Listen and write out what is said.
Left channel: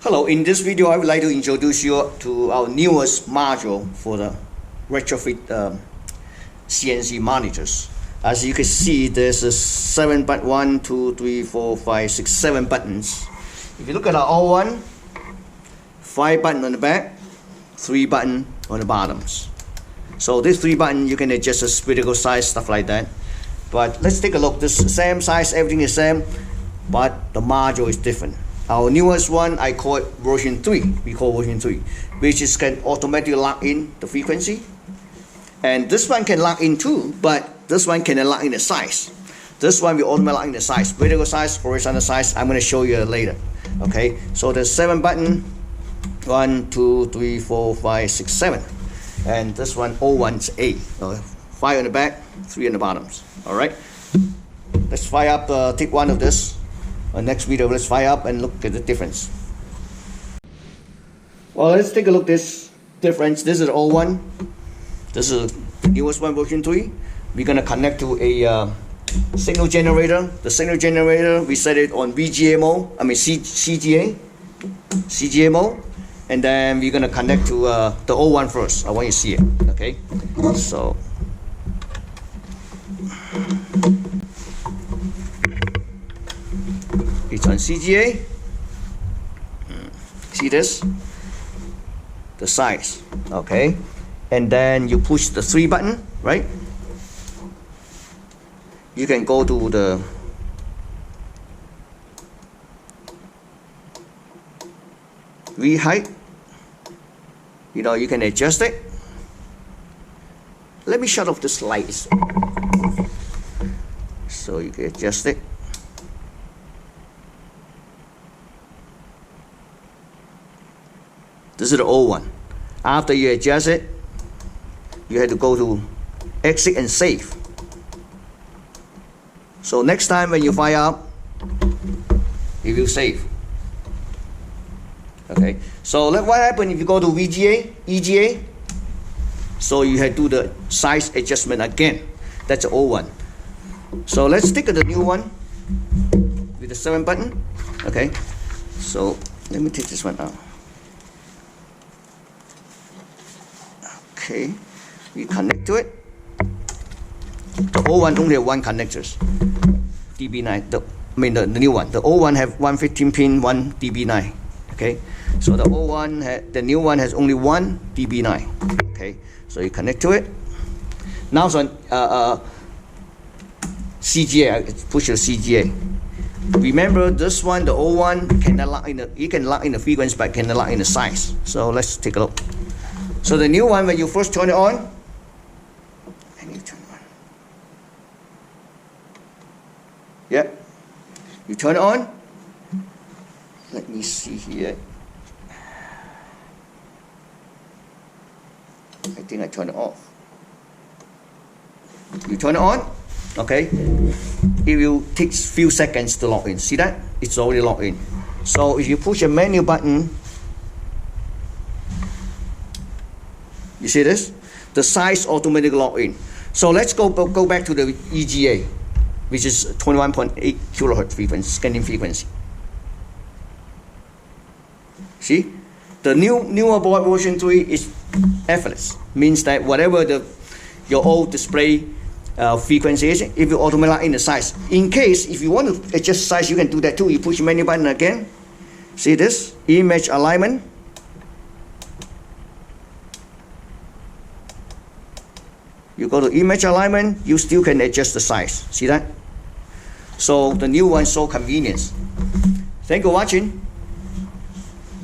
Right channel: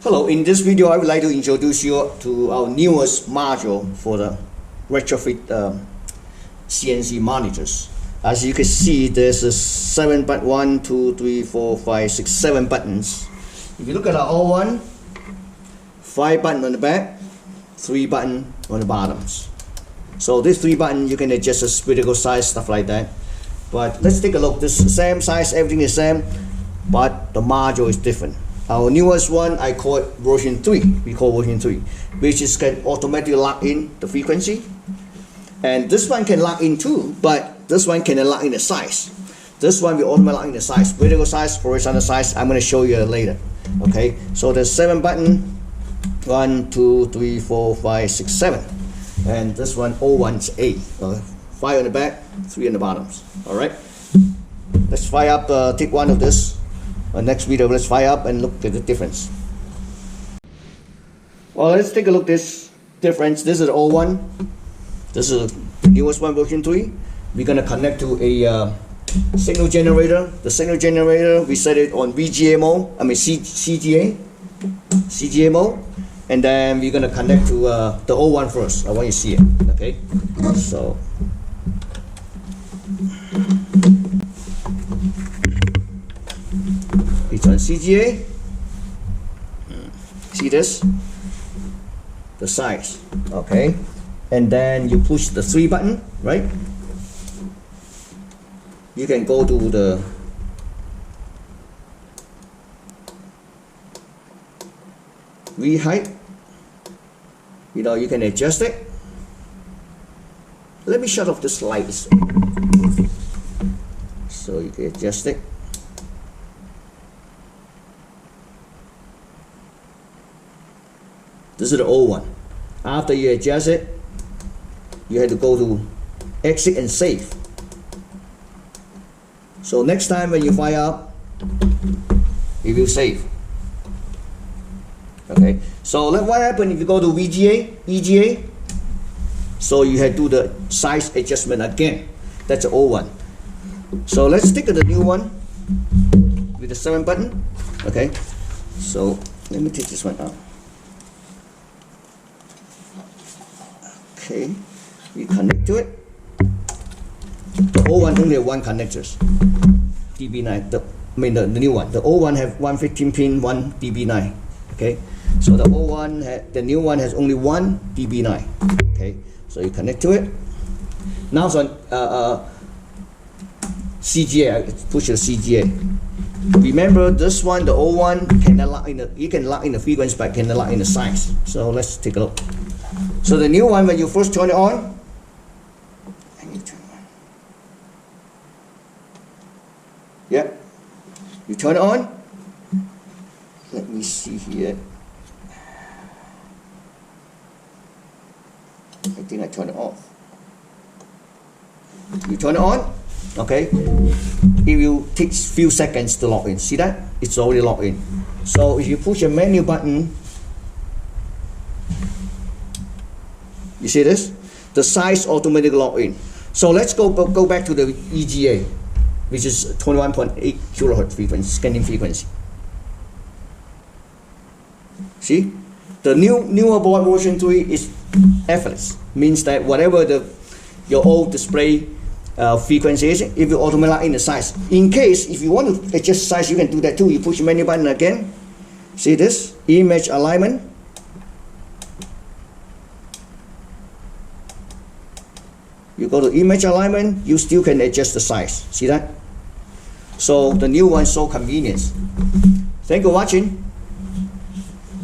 Hello, in this video I would like to introduce you to our newest module for the Retrofit CNC monitors. As you can see, there's a 7 button, 1, 2, 3, 4, 5, 6, 7 buttons. If you look at our old one, 5 buttons on the back, 3 buttons on the bottoms. So this 3 buttons you can adjust the spherical size, stuff like that. But let's take a look. This same size, everything is same, but the module is different. Our newest one, I call it version 3. We call version 3, which is can automatically lock in the frequency. And this one can lock in too, but this one can lock in the size. This one we automatically lock in the size, vertical size, horizontal size. I'm going to show you later. Okay, so there's 7 buttons, 1, 2, 3, 4, 5, 6, 7. And this one, old one's 8. 5 on the back, 3 on the bottoms. All right, let's fire up, take one of this. Next video, let's fire up and look at the difference. Well, let's take a look at this difference. This is the old one. This is the newest one, version 3. We're going to connect to a signal generator. The signal generator, we set it on VGA mode, CGA mode. And then we're going to connect to the old one first. I want you to see it. Okay, so it's on CGA. See this? The size. Okay. And then you push the 3 button, right? You can go to the V height. You know, you can adjust it. Let me shut off this light. So you can adjust it. This is the old one. After you adjust it, you have to go to exit and save. So next time when you fire up, it will save. Okay. So what happens if you go to EGA? So you have to do the size adjustment again. That's the old one. So let's take the new one with the 7 button. Okay. So let me take this one out. Okay, we connect to it. The old one only have 1 connectors, DB9. The new one. The old one have 115 pin, 1 DB9. Okay, so the old one, the new one has only 1 DB9. Okay, so you connect to it. Now it's on CGA. I push the CGA. Remember this one, the old one cannot lock in the. You can lock in the frequency, but cannot lock in the size. So let's take a look. So the new one, when you first turn it on, I need to turn it on. Yep. You turn it on. Let me see here. I think I turn it off. You turn it on, okay? It will take a few seconds to lock in. See that? It's already locked in. So if you push a menu button, you see this? The size automatically lock in. So let's go back to the EGA, which is 21.8 kilohertz frequency, scanning frequency. See? The newer board version 3 is effortless. Means that whatever your old display frequency is, it will automatically lock in the size. In case if you want to adjust size, you can do that too. You push the menu button again. See this? Image alignment. You go to image alignment, you still can adjust the size. See that? So the new one is so convenient. Thank you for watching.